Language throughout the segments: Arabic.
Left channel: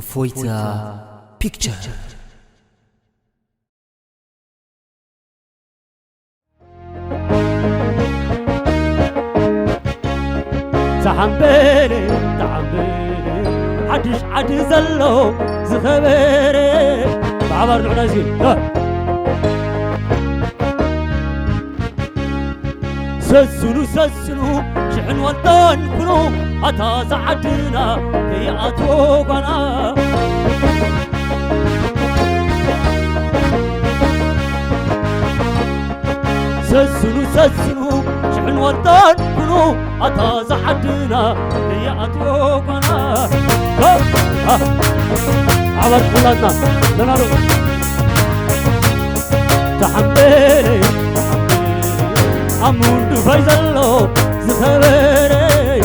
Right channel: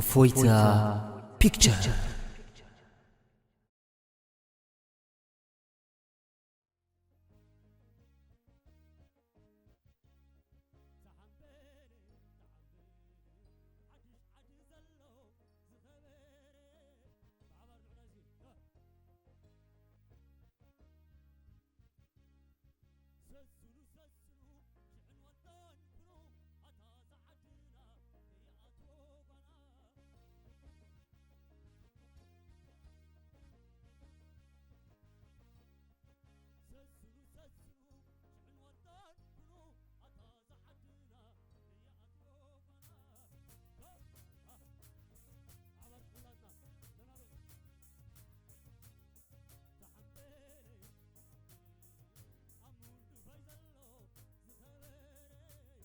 Foita Picture. تعمبري عدش زلو زخبري بعبر نعنازي سسنو شحن وطن كنو أتا زعدنا كي أتوقنا سسنو شحن وطن كنو أتا زعدنا كي أتوقنا عبر بلادنا لنالو تحملي أمون فايزلو زخبري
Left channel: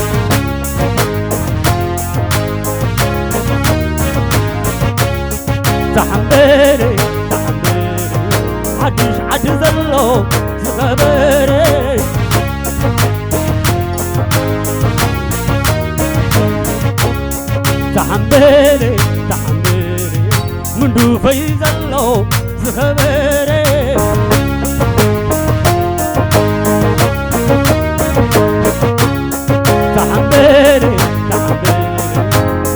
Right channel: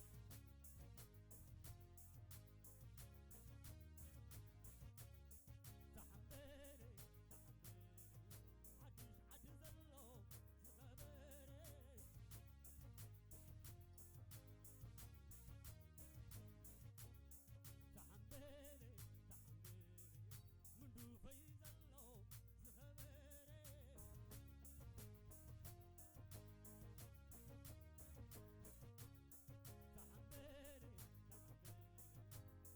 تحملي عدش زلو زخبري تحملي من فايزلو زخبري تحملي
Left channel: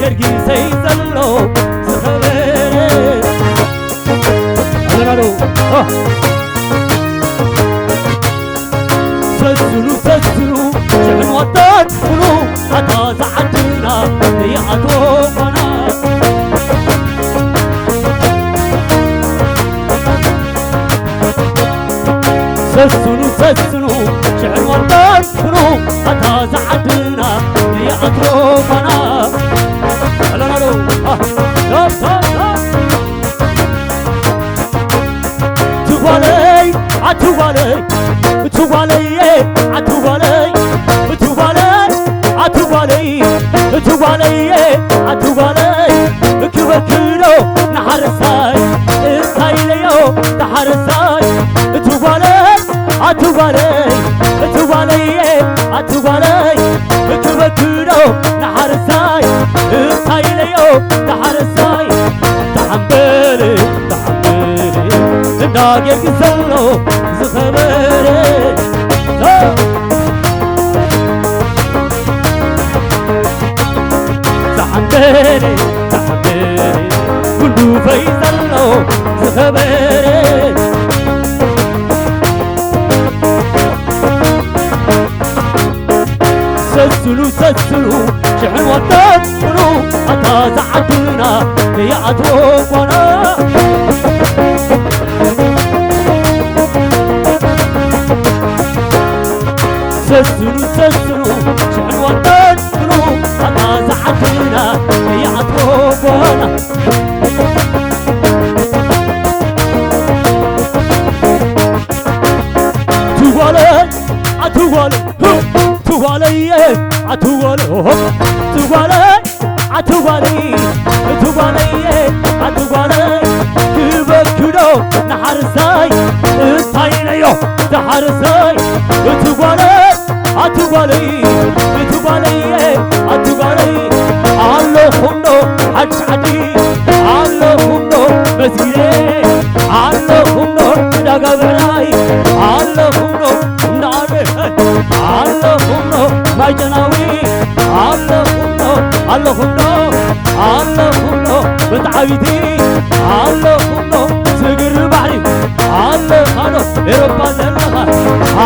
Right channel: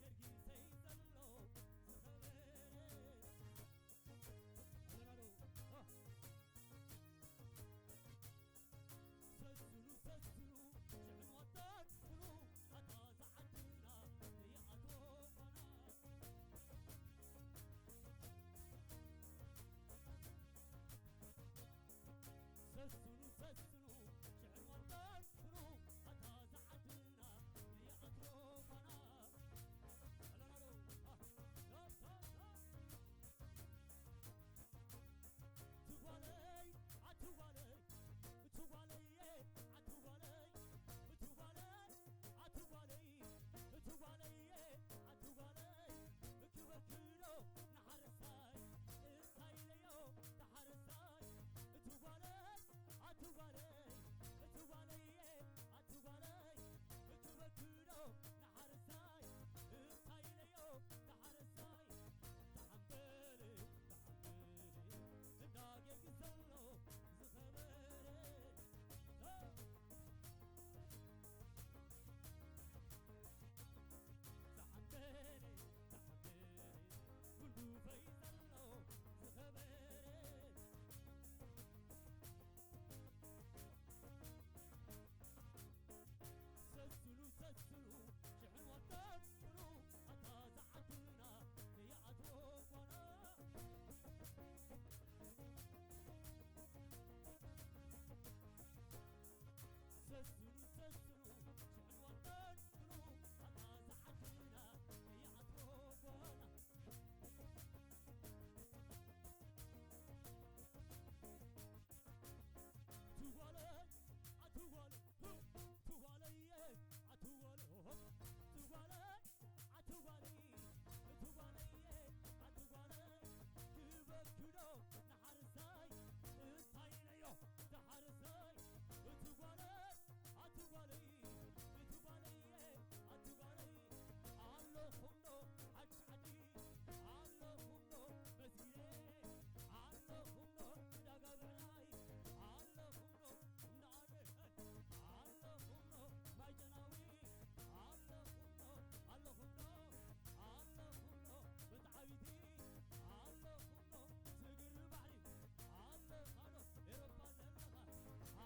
يرقي سيزلو زخبري أنا سسنو شحن وطن كنو أتا زعدنا هي أتوقنا سسنو شحن وطن كنو أتا زعدنا هي أتوقنا كبكيلو نحرساي إسايليو تحرساي أتوبالي كبكيلو نحرساي إسايليو تحرساي تحملي ناقيك زلو زخبري تحملي كنو فايزلو زخبري سسلو شحن وطن كنو أتا زعدنا هي أتوقنا سسلو شحن وطن كنو أتا زعدنا هي أتوقنا كبكيلو نحرساي إسايليو تحرساي أتوبالي الله خمنو عدي الله خمنو مسيري الله خمنو دقابراي الله خمنو ناري الله خمنو ماجناوي الله خمنو بتعايدي الله خمنو سجر بحري الله خانو إيروبا زلغا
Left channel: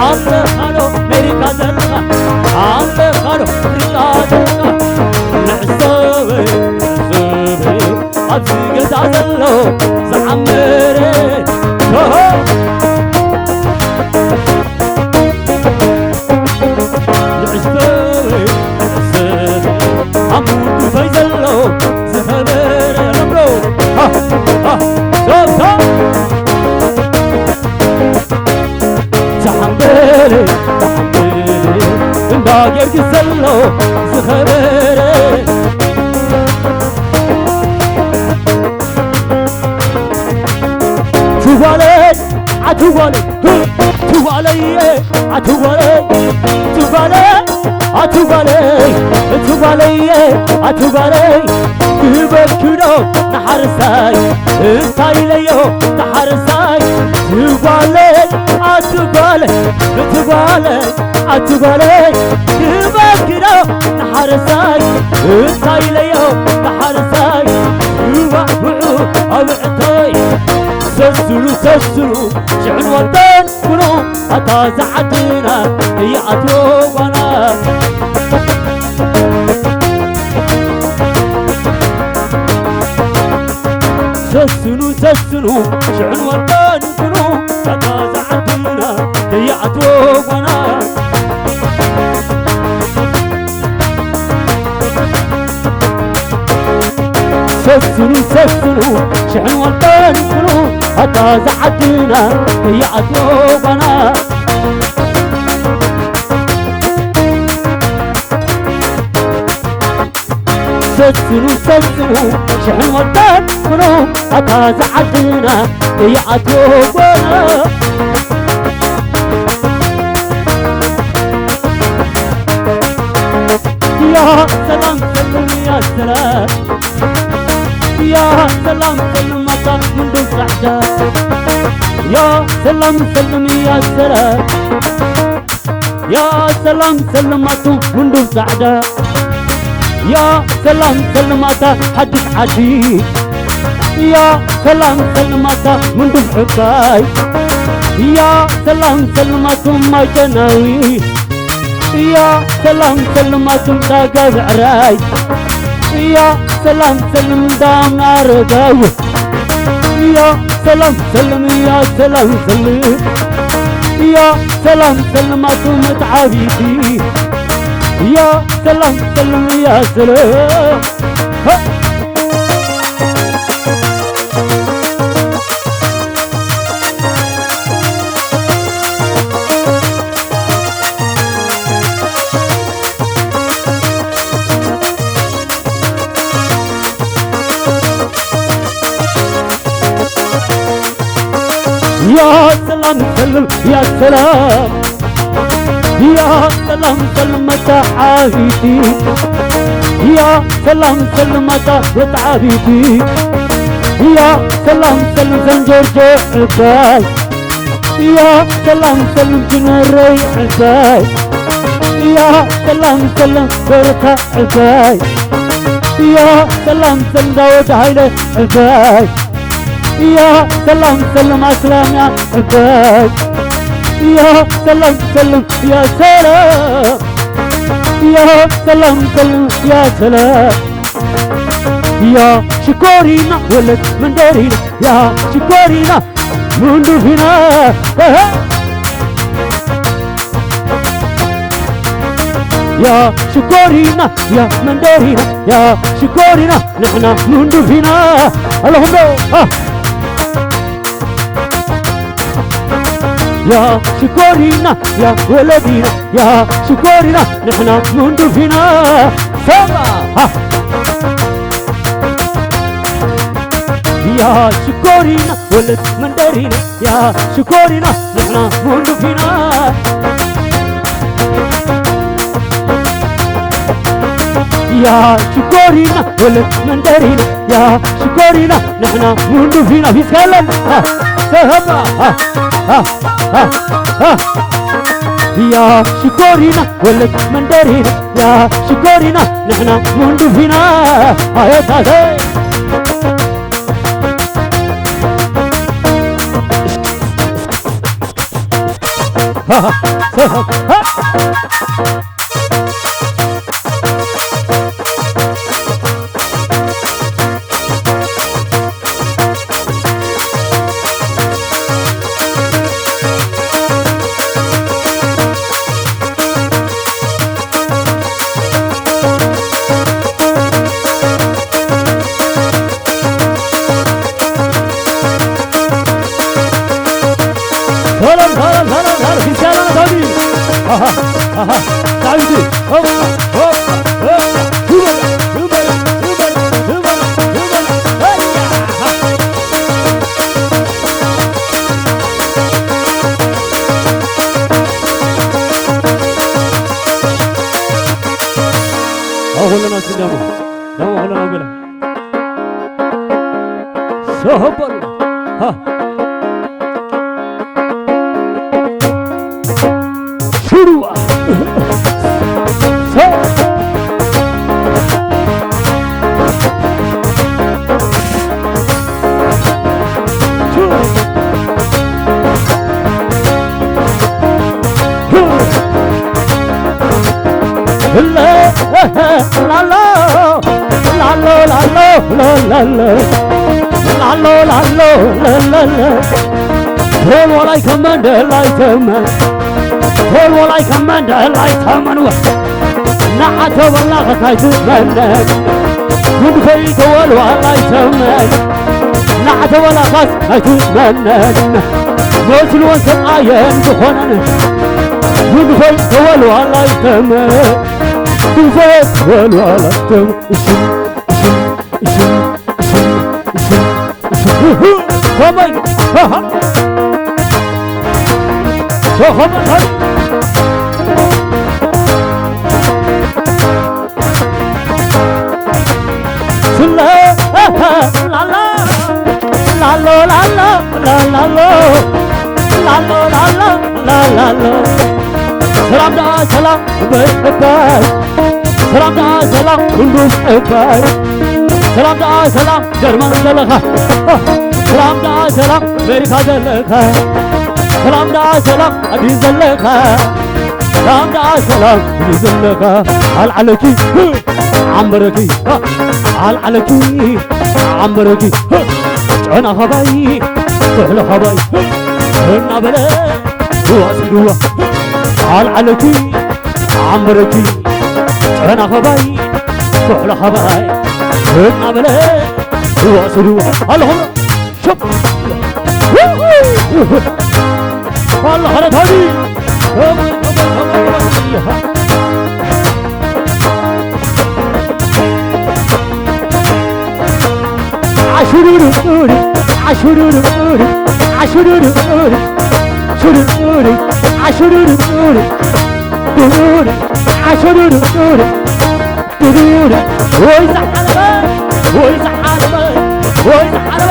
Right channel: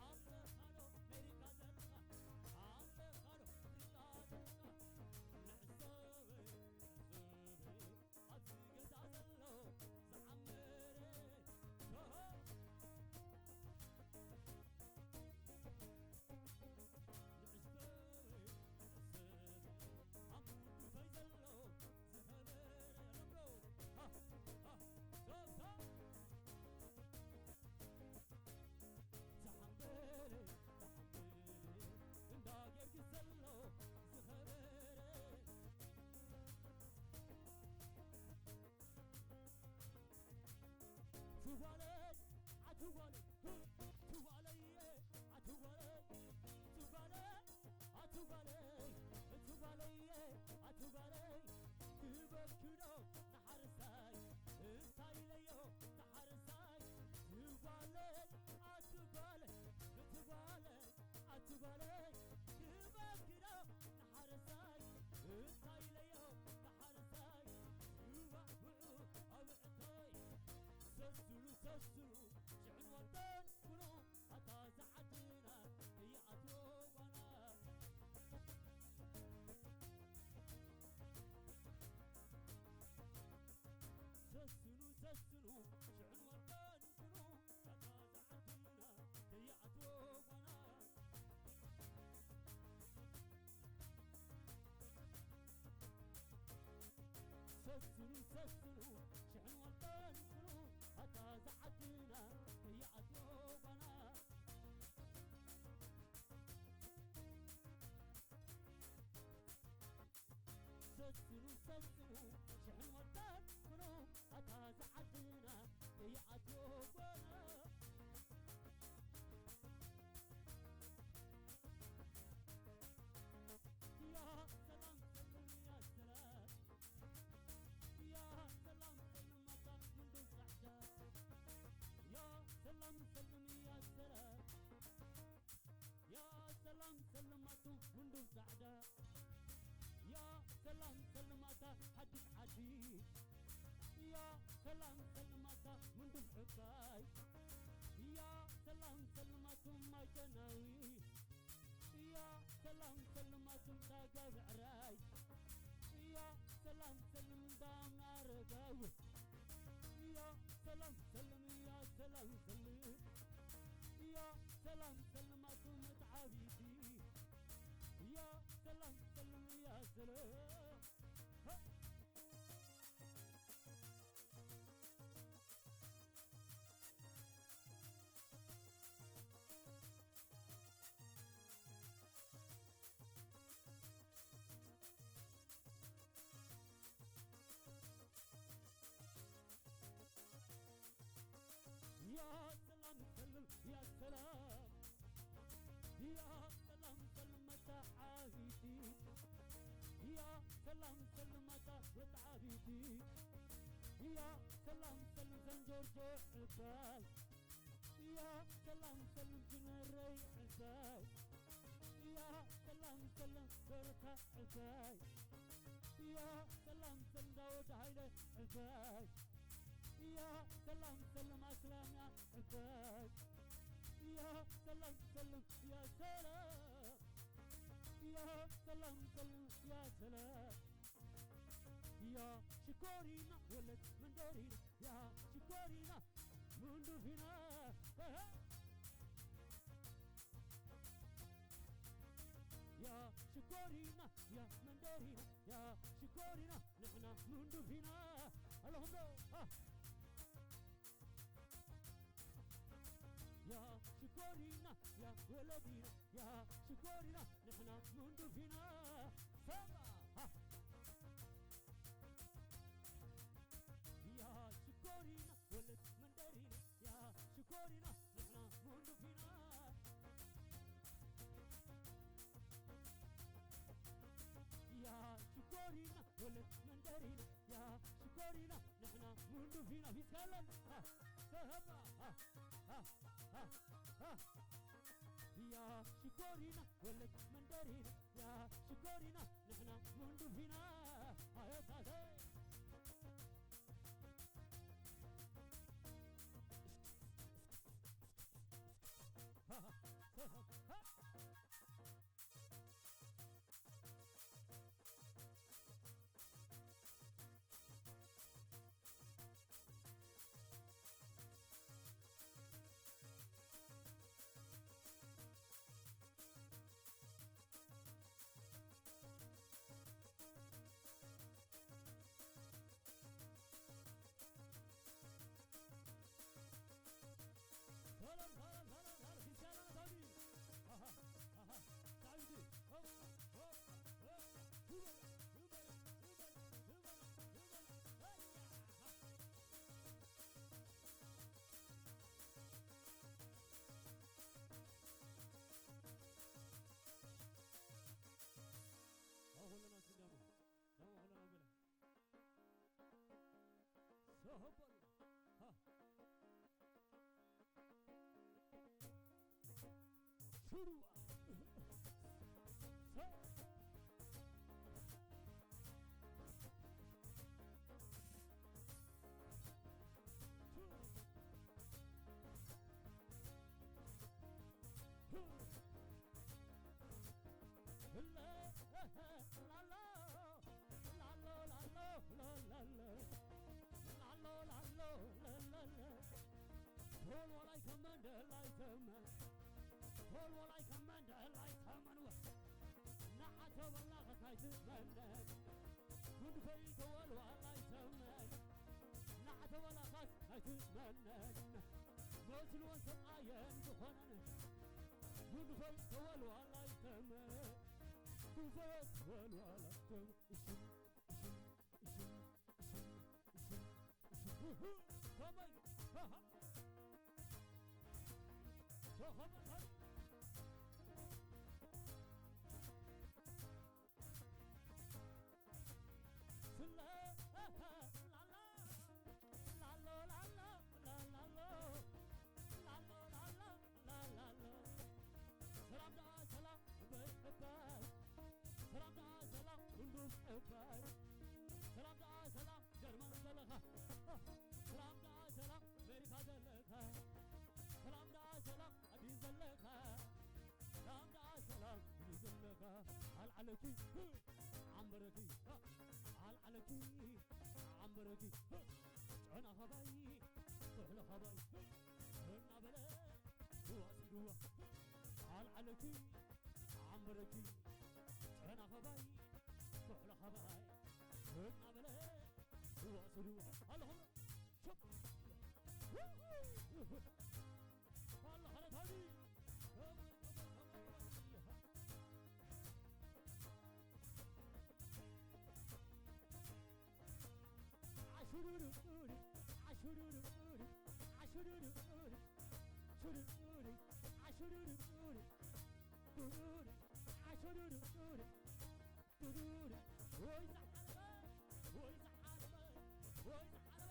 الله خانو أمريكا زلغا الله خانو أفريقيا زلغا العصابي أبسي قد زلو زعمري زلو زخبري عتوالي توالي عتوالي توالي عتوالي توالي عتوالي تبكرو نحرساي انتاي ليو نحرساي توالي عتوالي توالي عتوالي تبكرو نحرساي انتاي ليو نحرساي توالي أبعتاي سسرو شعن والدان كنو أتا زعدنا هي أتوبنا سسرو شعن والدان كنو أتا زعدنا هي أتوبنا سسرو شعن والدان كنو أتا زعدنا هي أتوبنا سسرو شعن والدان كنو أتا زعدنا هي أتوبنا يا سلام سلم يا سلام يا سلام سلم مطا من دون سعدة يا سلام سلم يا سلام يا سلام سلم مطا من دون سعدة يا سلام سلم مطا حدك عديد يا سلام سلم مطا من دون حكاي يا سلام سلم مطا ما جناوي يا سلام سلم مطا تاقى بعراي يا سلام سلم دام أرجاو يا سلام سلم يا سلام سلم يا سلام سلم أتوم تعبيتي يا سلام سلم يا سلام يا سلام سلم يا سلام يا سلام سلم تعافيتي يا سلام سلم تعافيتي يا سلام سلم زنجر جوعتاي يا سلام سلم جنري عتاي يا سلام سلم بركة عتاي يا سلام سلم داود هايلة عتاي يا سلام سلم أسلام يا عباد يا سلام سلم يا سلام يا سلام سلم يا سلام يا شكورينا ولد من دارينا يا شكورينا من دفنا يا شكورينا يا من دارينا يا شكورينا نحنا من دفنا اللهم يا شكورينا يا ولدينا يا شكورينا نحنا منذ فينا سما يا شكورينا ولد من دارينا يا شكورينا نحنا منذ فينا يا شكورينا ولد من دارينا يا شكورينا نحنا منذ فينا في سلام سما يا شكورينا ولد من دارينا يا شكورينا نحنا منذ فينا يا تاجي شروع لا لا لا لا لا لا لا لا هول ولا كمان لا يتمن هول ولا كمان لا يتمن نعت والله غتايت منك من فيك ولا يتمن نعت ولا غتايت منك وصل وصل عين بخونن من فيك ولا يتمن من فيك ولا يتمن Come on, سلام جرمان زلخا سلام دا سلام أمريكا زلخا سلام دا سلام أبي زلخا سلام دا سلام أبي زلخا عليكي عمركي عليكي عمركي أنا خباي سهل خباي أنا بلا واسدوا عليكي عمركي أنا خباي سهل خباي أنا بلا واسدوا اللهم شوف والله خلت هذه عشرور أوري عشرور أوري عشرور أوري عشرور أوري عشرور أوري أوري عشرور أوري أوري ويزعل ويزعل ويزعل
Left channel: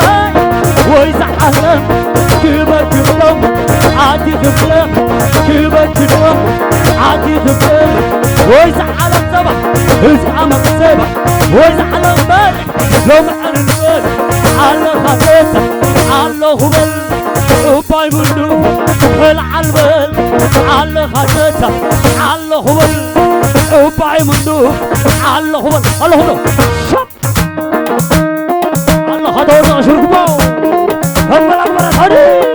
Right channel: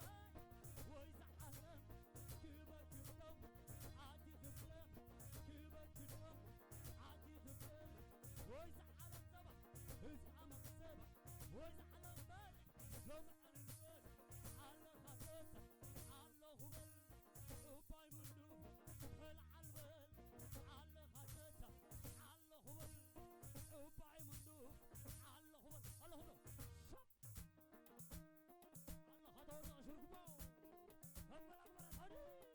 ويزعل كبر كبرم عادي كبرم كبر كبرم عادي كبرم ويزعل الصبح ويزعل الصبح ويزعل البارح لو معن البارح على خبيثة على هبل وباي بندوب العلبل على خبيثة على هبل وباي بندوب على هبل على هبل شب الله خدونا شرقبو هم الأمر هذه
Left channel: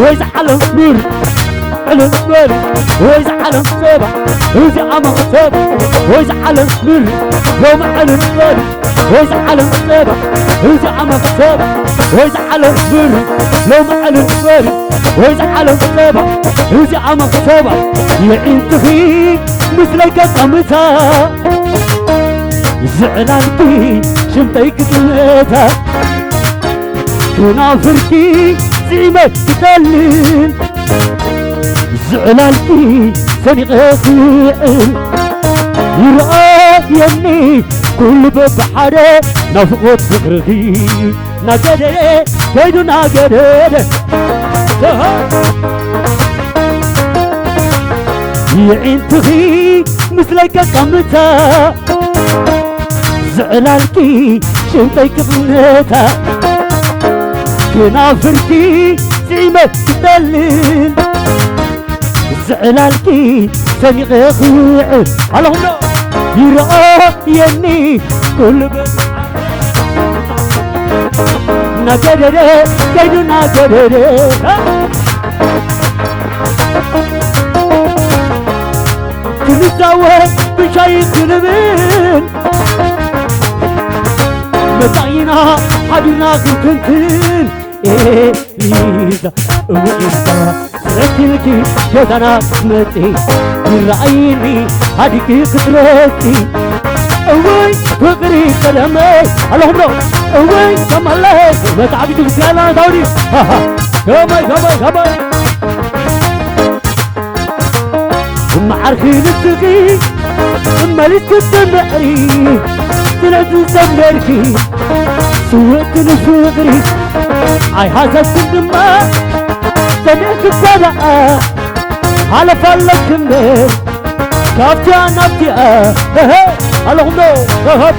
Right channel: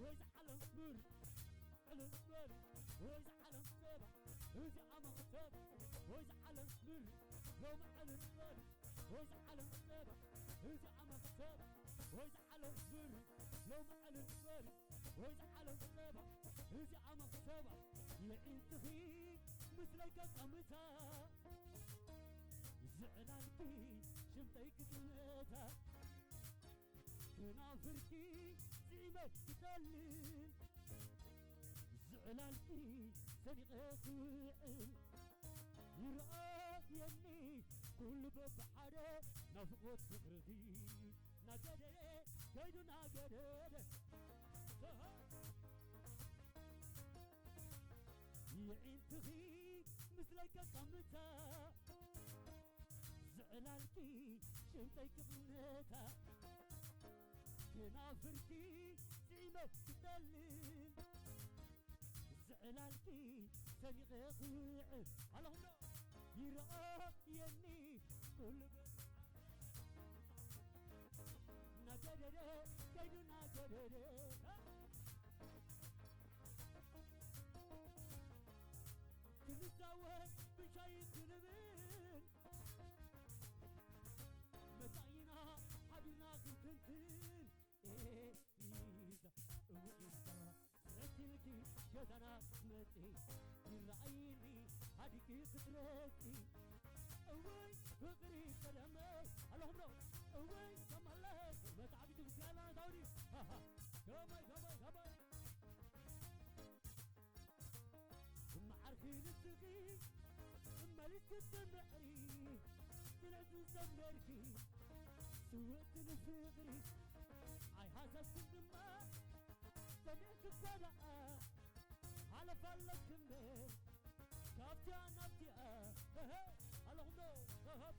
ويزعل النور على النور ويزعل السبع ويزعل السبع ويزعل النور يوم على النور ويزعل السبع ويزعل السبع ويزعل النور يوم على النور ويزعل السبع ويزعل السبع يعين تخي مثلك قمتها زعلانتي شمتك تلاتها كنافرتي زعمت تدلل زعلانتي سنغ خيئل يرأيني كل ببحري نفقد فكرتي نقدر كيدو نقدر يعين تخي مثلك قمتها زعلانتي شمتك بنيتها كنافرتي زعمت تدلل زعلانتي سنغ خيئل اللهم يرأيني كل نقدر كيدو نقدر تنساوه بشاي كلمين متعينا حبينا كنتين إيه إذا وإذا سرتلكي جدنا متي يرأيني هديكي كترتي أوي فقري كلامي اللهم لو أوي كم الله ما تعبي تبسيالا دوري ها ها كمي معرخين التقي مالك الدمعري طلعت زمركي سويت الفقري عي هذا السندما سمعك الصلاة على فلك كمير كافتي نبتي اللهم هب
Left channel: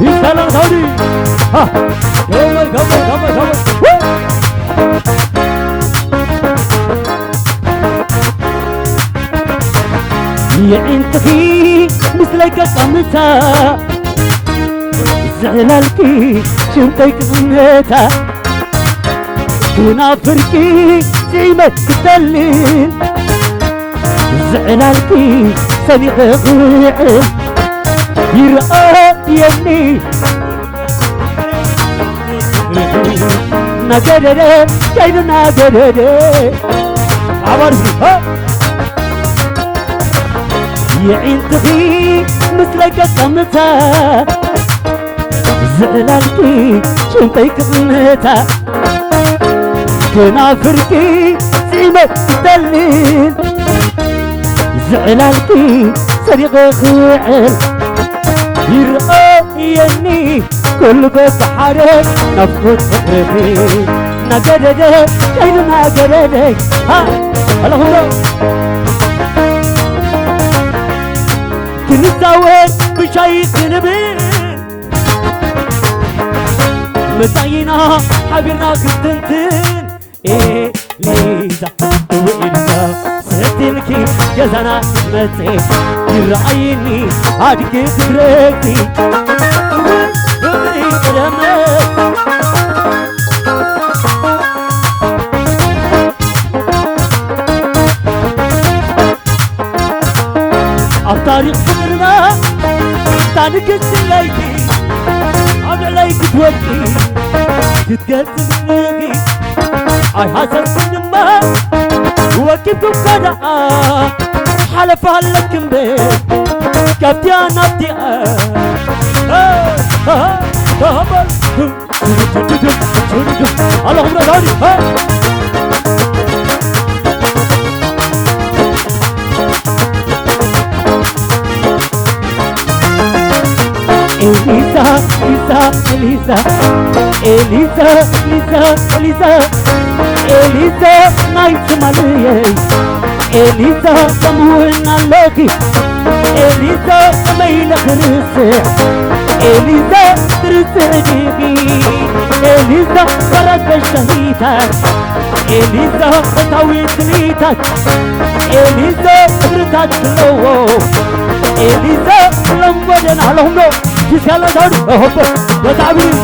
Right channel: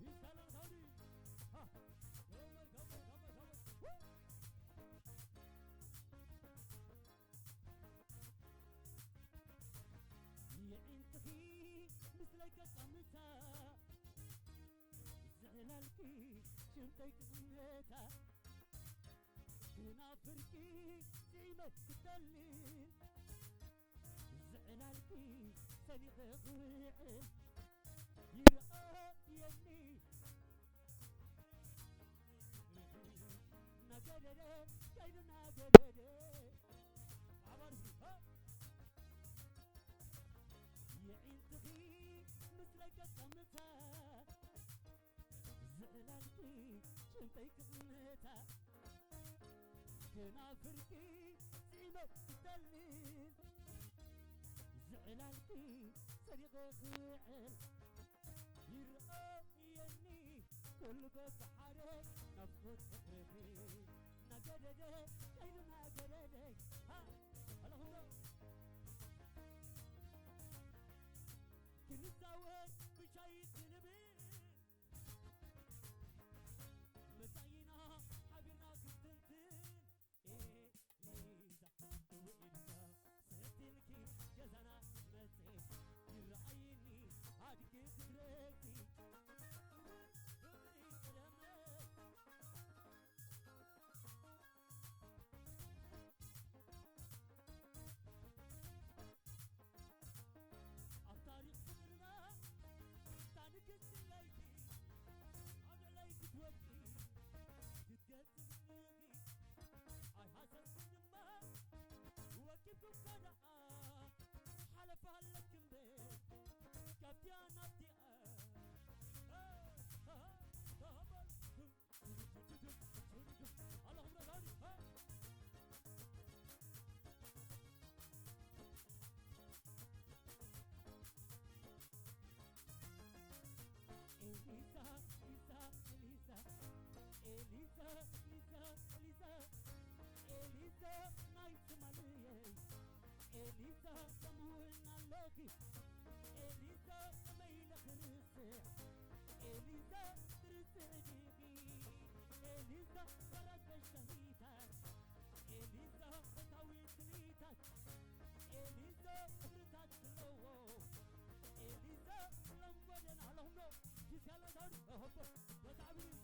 يسلم دوري ها كمي يعنتكي مثلك قمتا زعلالكي شمتك غنيتا ونافركي زيمة تدلل زعلالكي سبيق غيعل يرقى يمني نقدر جاينا نقدر عبارسي ها يعين تغي مثلك قمتا زعلالكي شنطيك ظنتا كنافركي زيمة تدلل زعلالكي سريق خيعل يرقى يني كل بس حارك نفقد فقرتي نقدر جاينا نقدر ها اللهم كنتاوين بشيخ نبيل متعينا حبينا كنتنتين إيه ليزا وإلزا سهتلكي جزانا متي يرعيني هاديك تدركتي وغري كلامك طريق فكرنا تانك السلايكي عم عليك توكي تتقلت مني اي حسن من ما وكيفكم كذا حلف هلك مبين كفتي انا بدي اللهم داري Elisa night malay Elisa samuina laki Elisa maila khirse Elisa trsdiki Elisa farat bashhitak Elisa tawit litak Elisa britat lo Elisa lambadan alhum lo جيشالا داري هوب وتعبير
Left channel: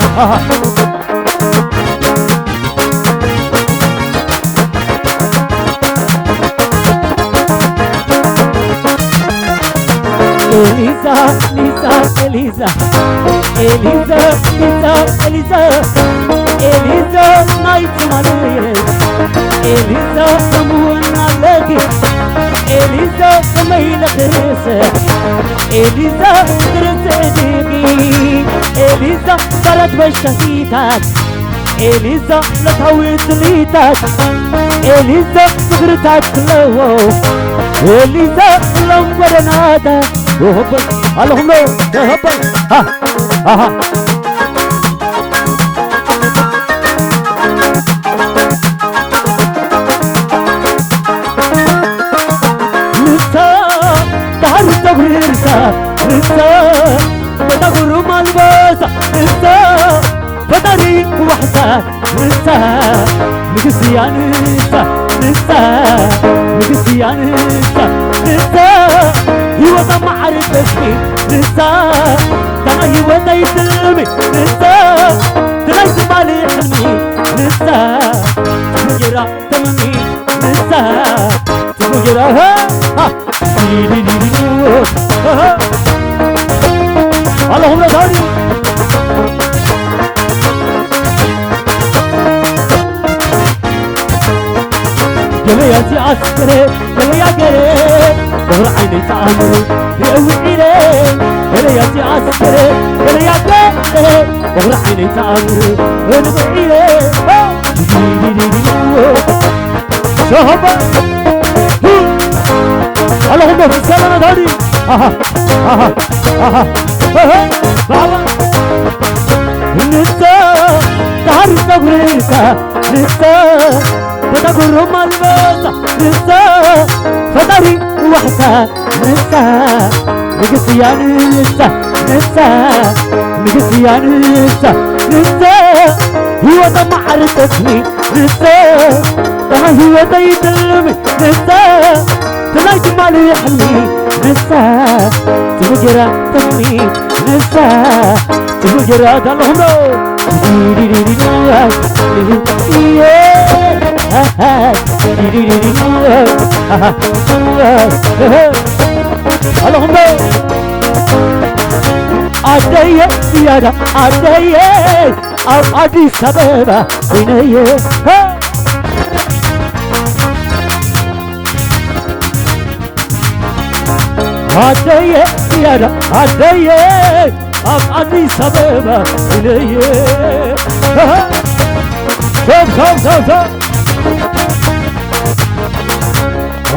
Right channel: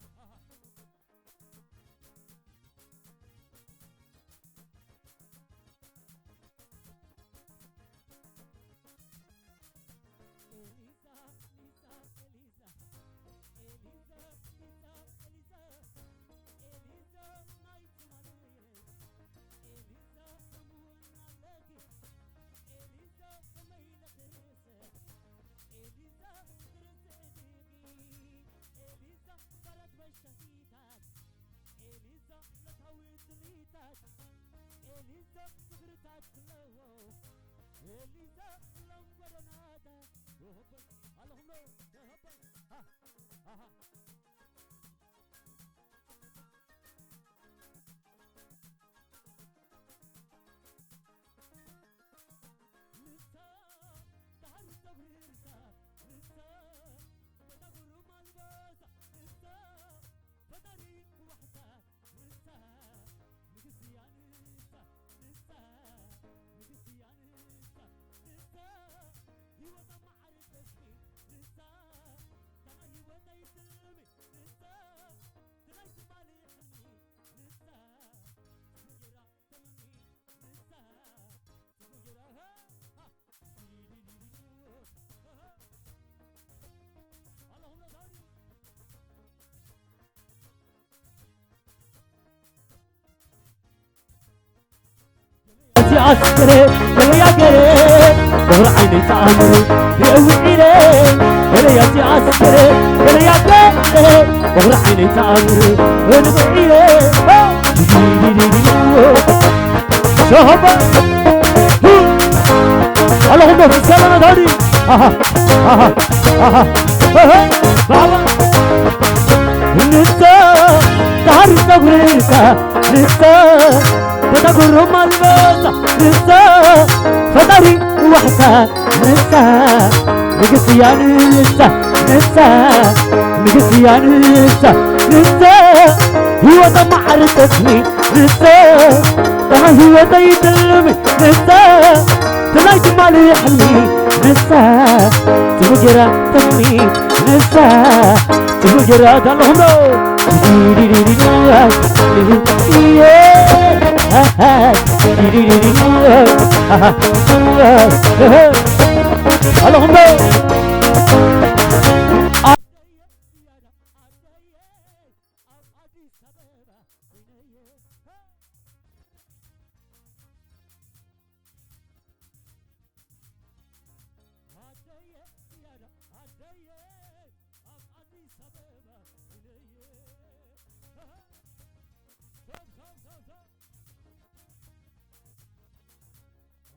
إليزا إليزا إليزا إليزا إليزا إليزا إليزا نايت مالي إليزا سمونا لكي إليزا سمينا خريسة إليزا ترسديكي إليزا فرد بشتيتك إليزا لتهويت ليتك إليزا صغرتك لو إليزا لمبرناتا وهبل اللهم هبل ها ها بدغر مالباسة نسا بدري وحدة نسا نقصيان نسا نسا نقصيان نسا نسا هو ما عرفتني نسا ترى هو يسلمي نسا تلاقي بالي حلمي نسا تجرا تمني نسا تجرا ها اللهم داري جميع يا عسكري يا قري ظهر عيني تعمر يقوي إلي يا عسكري يا قري ظهر عيني تعمر يقوي إلي شهبة اللهم في السلامة داري بابا نسا تعرف تقريسا نسا فتقر رمى الباسا نسا فتاري وحسا نسا نقصيان نسا نسا نقصيان نسا نسا هو دم عرفتني نسا هو دايت اللمي نسا تلاقي مالي يحلي نسا تفجر تمي نسا تفجر اللهم اللهم عدي زيادة عدي عدي سببة بنيه عدي زيادة عدي عدي سببة بنيه شوف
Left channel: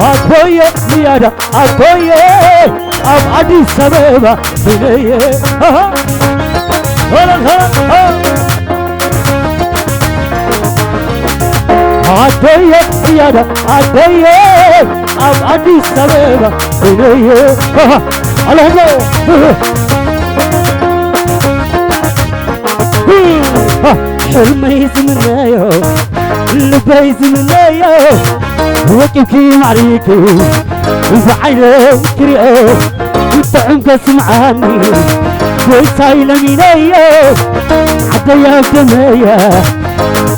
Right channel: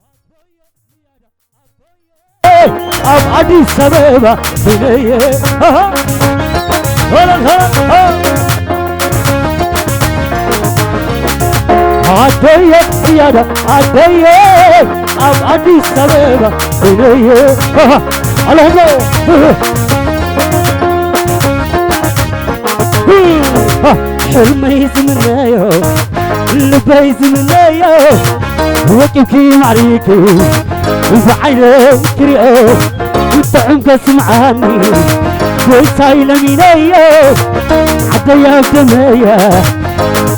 عدي زيادة عدي عدي سببة بنيه عدي زيادة عدي عدي سببة بنيه اللهم حلمي زمنايو لبي زمنايو وكيفي معريكي وفعيني كريو وطعمك سمعاني ويسايل مينايو عديا دمايا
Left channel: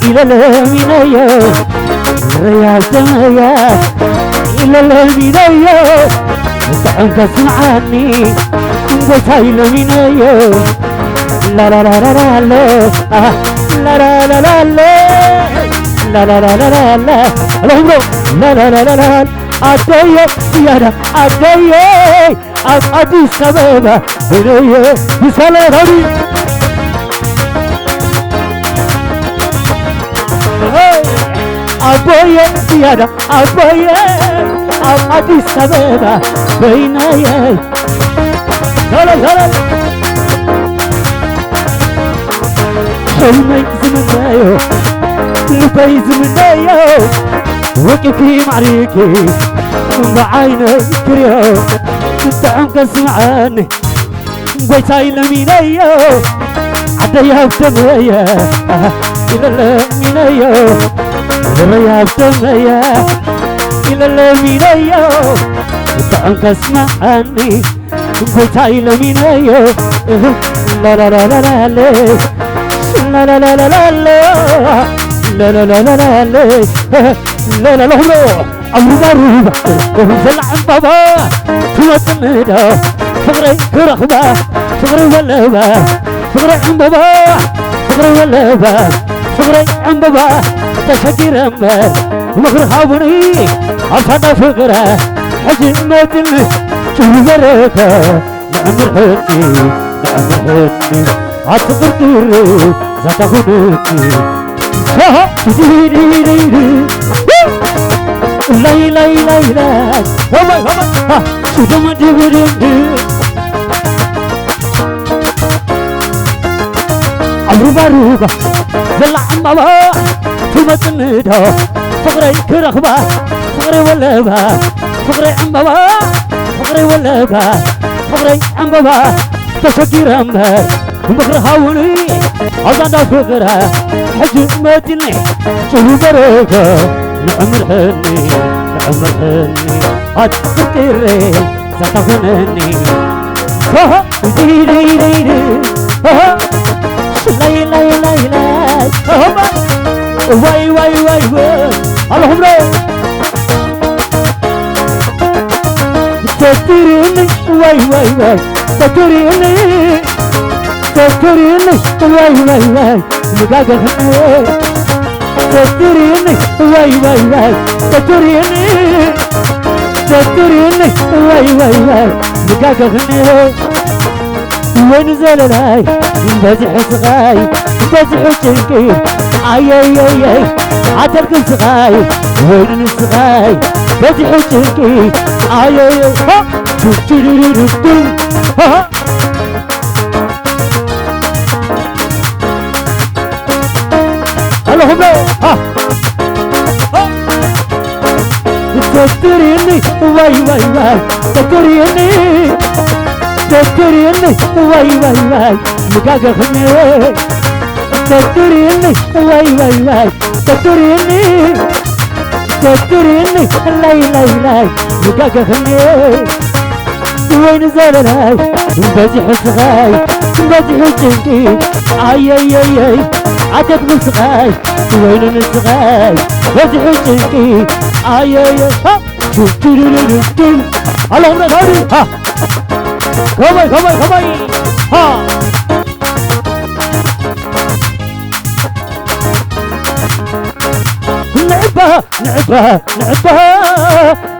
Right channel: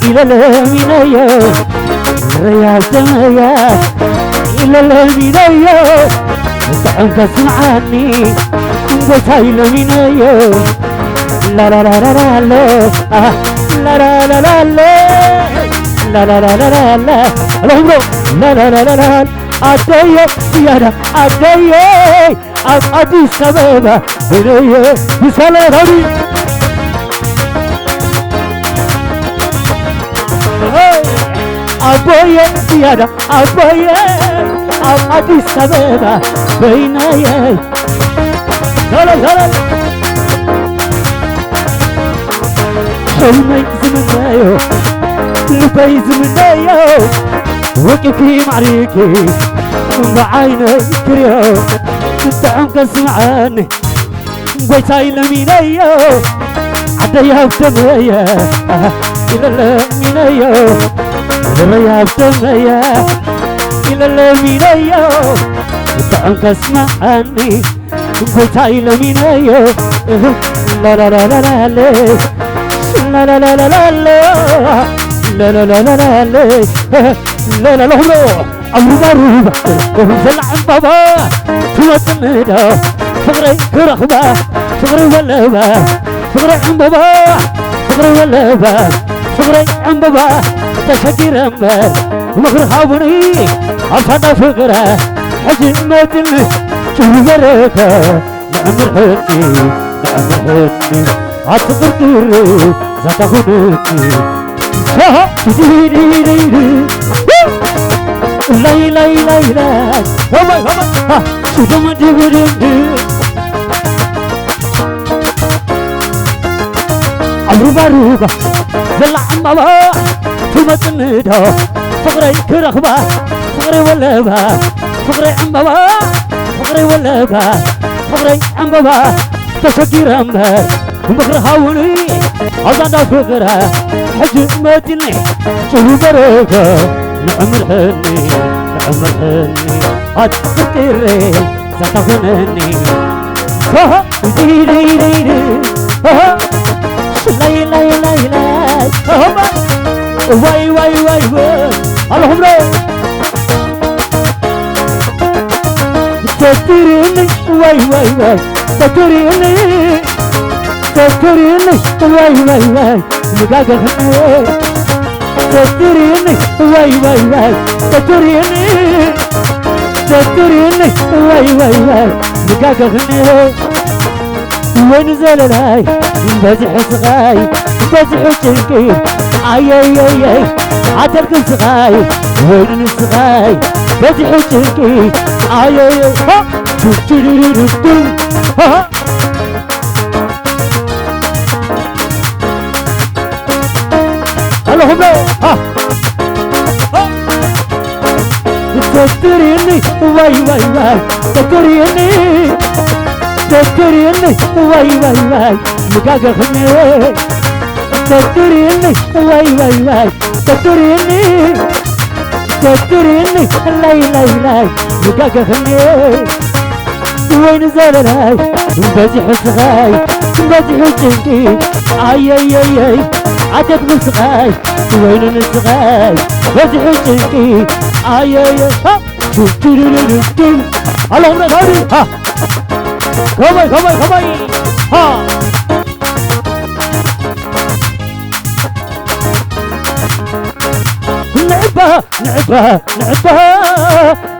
إلى المينايو ريا دمايا إلى المينايو وطعمك سمعاني ويسايل مينايو لا لا لا لا لا لا لا لا لا لا لا لا لا لا اللهم لا لا لا لا لا عدي زيادة عدي عدي سببة بنيه بسلام هدي عدي زيادة عدي عدي سببة بنيه لا لا لا حلمي زمنايو لبي زمنايو وكيفي معريكي بعيني كريو طعمك سمعاني ويساي لمينايو عديها بدمايا إلى المينايو ريا بدمايا إلى المينايو طعمك سمعاني ويساي لمينايو لا لا لا لا لا لا لا لا لا لا لا لا لا لا لا لا لا لا لا أبو ضربة وزل عن بابا توت ميدا فقري كرخبة فقري ولبة فقري عن بابا فقري ولبة فقري عن بابا تشكر أمبر ومخر حاوني أفضل فقرة حجم مدن شوف بركة نعمر هدي نعمر هدي عطفرتي زتخونتي ها دي دي دي دي لاي لاي لاي لاي هما ها شو ما تقولين عروبة زلع بابا ثم تنده فقري كرخبة فقري ولبة فقري عم بابا فقري ولبة فقري عم بابا تشكير أمبر ومخر هاوني عزانا فقرة حجي ماتني شو بركة نعمر هني نعمر هني هتفكري ستغنني ها دي دي دي دي ها لاي لاي لاي لاي هما واي واي واي واي اللهم تذكرني واي واي واي تذكرني تذكرني واي واي واي مقاقة خنوي تستريني واي واي واي تستريني تستريني واي واي واي نقاك غني وين زللاي بزح صغاي بزح شنكي اي اي اي اي عترك صغاي وين صغاي بزح شنكي اي اي اي ها ها اللهم ها تستريني واي واي واي تستريني تستريني واي واي واي مقاقة خمي تستريني واي واي واي تستريني تستريني لاي لاي لاي مقاقة خمي وين زللاي بزح صغاي بزح شنكي اي اي اي اي عتب صغاي وين صغاي بزح شنكي اي اي ها اللهم نادي ها كمي كمي كمي ها لعبة لعبة لعبة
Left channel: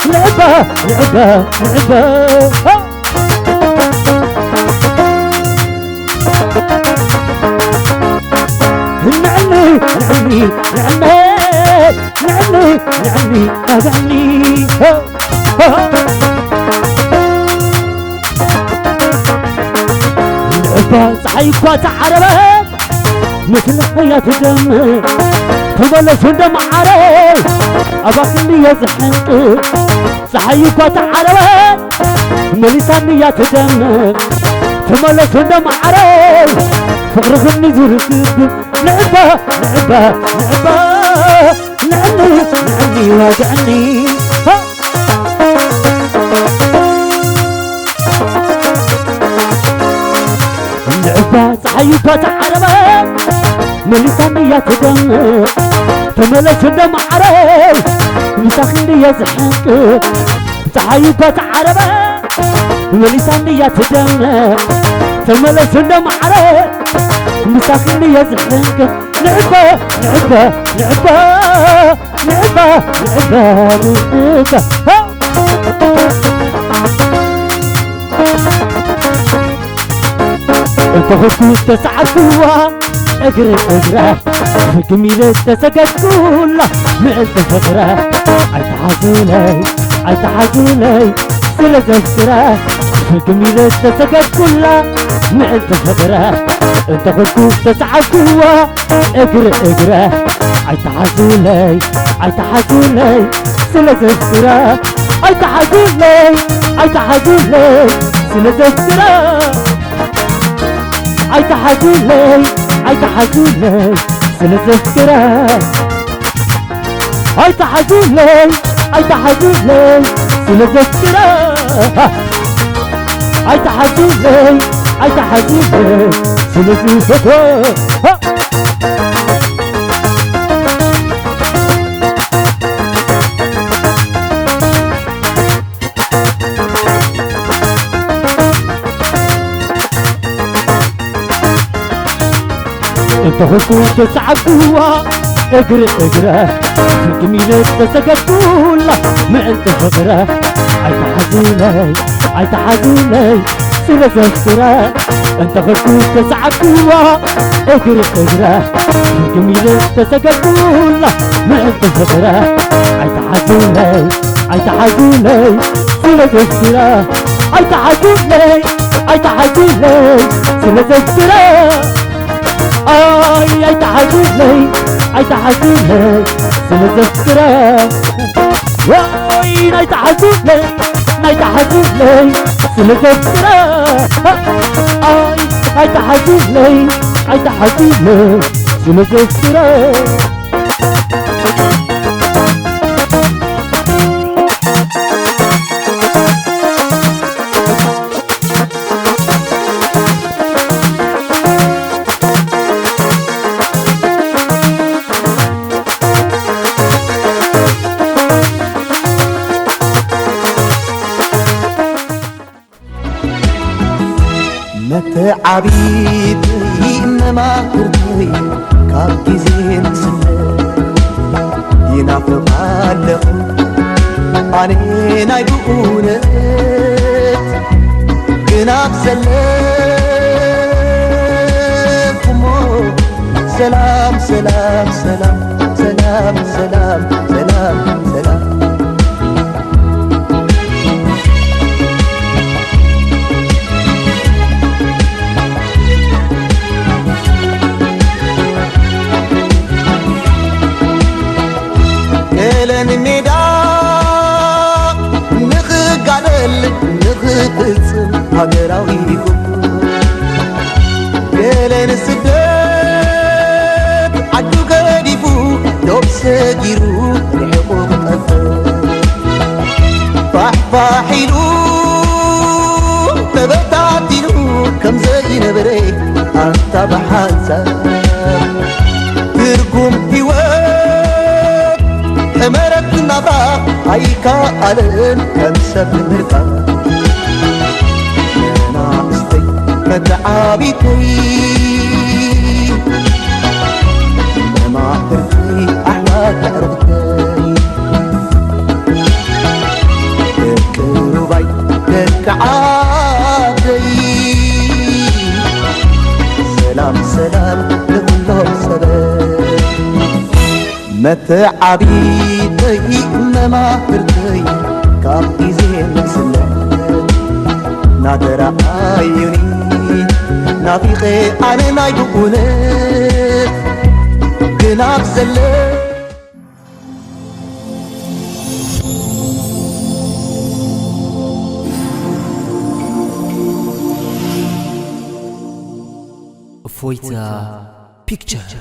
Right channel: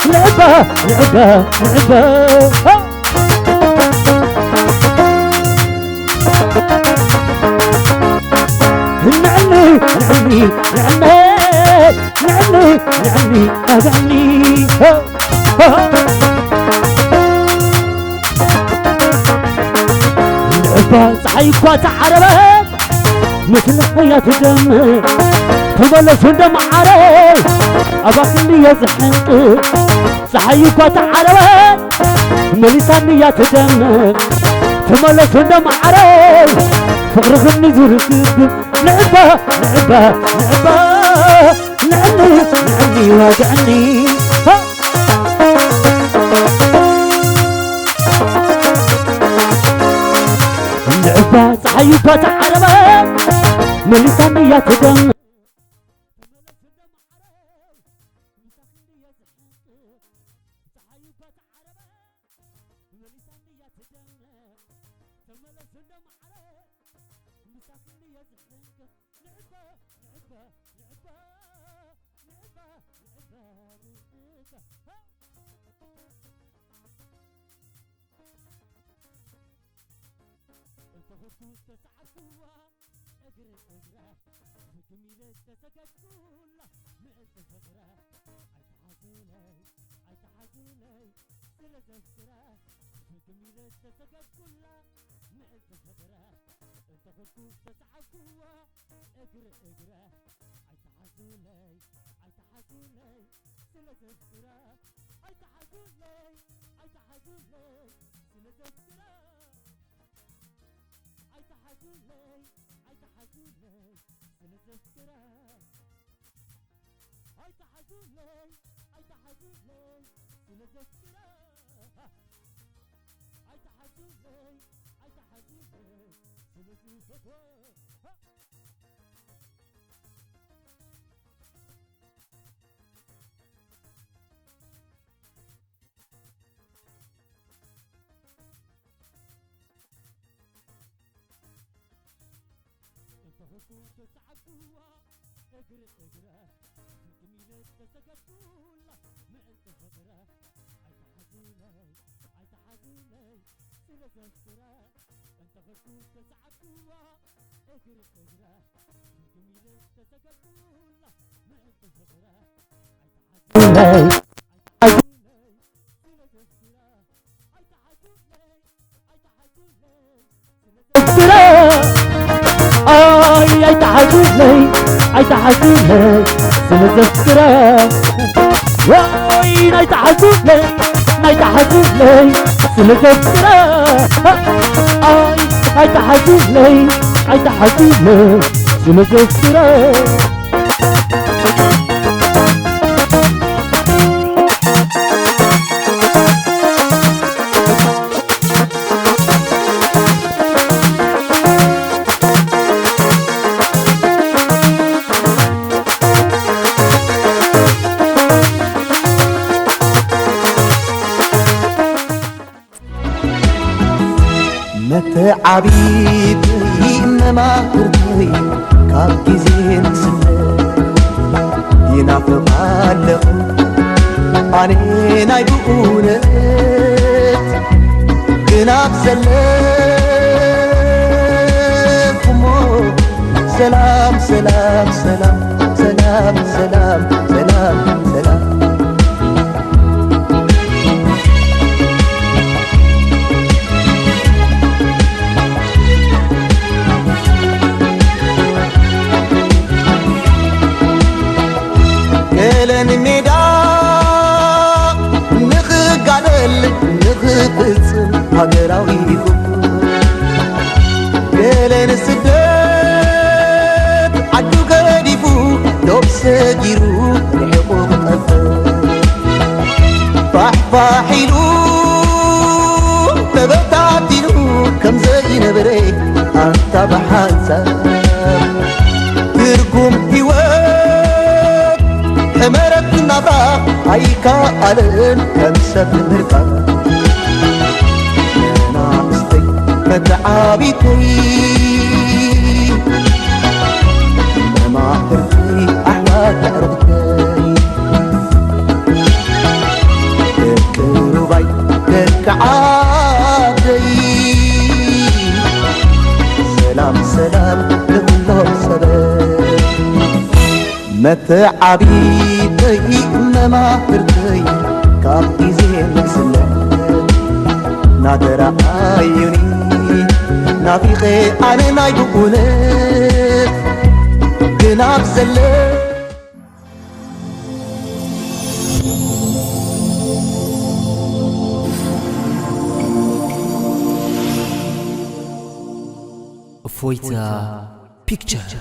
لعبة لعبة لعبة ها نعني نعني نعني نعني نعني نعني ها ها لعبة صحيح وتعربت مثل حياة دم تبلش دم عري أباكني يزحنك صحيح وتعربت مليساني دم تبلش دم عري فغرغني زرقب لعبة لعبة لعبة نعني نعني واجعني ها لعبة صحيح وتعربت مليساني دم تملس دم عري مساخني يزحنك صحيح وتعربت مليساني دم تملس دم عري مساخني يزحنك لعبة لعبة لعبة لعبة لعبة لعبة ها انت خطوط تسعة قوة اقري اقرا جميلة تسقط كلها ما انت فقرة عتحزولي عتحزولي سلة السرا جميلة تسقط كلها ما انت فقرة انت خطوط تسعة قوة اقري اقرا عتحزولي عتحزولي سلة السرا عتحزولي عتحزولي سلة السرا عتحزولي عتحزولي سلة السرا عتحزولي عتحزولي سلة السرا عتحزولي عتحزولي سلة السرا انت خطوط تسعة قوة اقرا اقرا جميلة تسقط كلها ما انت فقرة عتحزولي عتحزولي سلة السرا انت خطوط تسعة قوة اقرا اقرا جميلة تسقط كلها ما انت فقرة عتحزولي عتحزولي سلة السرا عتحزولي عتحزولي سلة السرا اي عتحزولي عتحزولي سلة السرا واي عتحزولي عتحزولي سلة السرا اي عتحزولي عتحزولي سلة السرا متعبيبي مماكرتي كاب جزين سنة ينافقالق أنا نايبونت جناب سلامكمو سلام سلام سلام سلام سلام سلام سلام كلن ميدا نخقالل نخقصم هاجراويكم كلن سدد عدو قديفو دوب سجيرو رحقو قطفر فاحفاحيلو تبتاتينو كم زي نبري أنت بحانسا ترقم هيوات حمرت نبرا هيكا ألن كم سب مركا أنا استي متعابيتي ما تركي أحلى تعرضتي تكربي تكعاتي سلام سلام لكلهم سلام متعبيتي ما تركي كابتي زين سلام نادر عيوني نافيقي أنا نايبونت جناب سلام እፎይታ ፒክቸር